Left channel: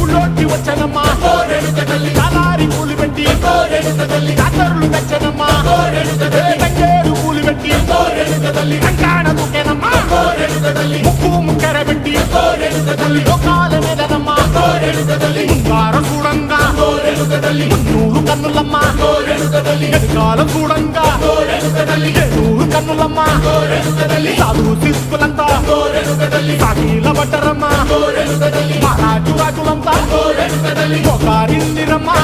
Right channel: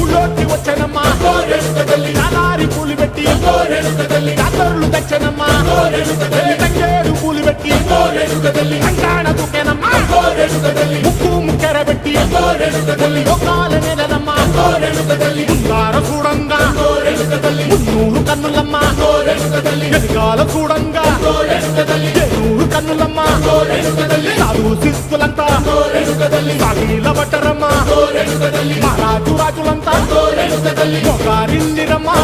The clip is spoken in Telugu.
ఊళ్ళోకి వచ్చనమ్మా చాలారి పూలు పెట్టి జాతరులు తెచ్చనమ్మా తంగేడు పూలు పెట్టి కంకాణ దూకేనమ్మా ముక్కు ముక్కెర పెట్టి ముల్లోకాల నెలనమ్మా ముందార చూడంగా మున్నూరు కన్నులమ్మా వెనకాల చూడంగా ఏనూరు కన్నులమ్మా సాధు శిస్తులంతా సాగిల పడ్డరమ్మా మహారాజు రాజులంతా మొగారిందిరమ్మా.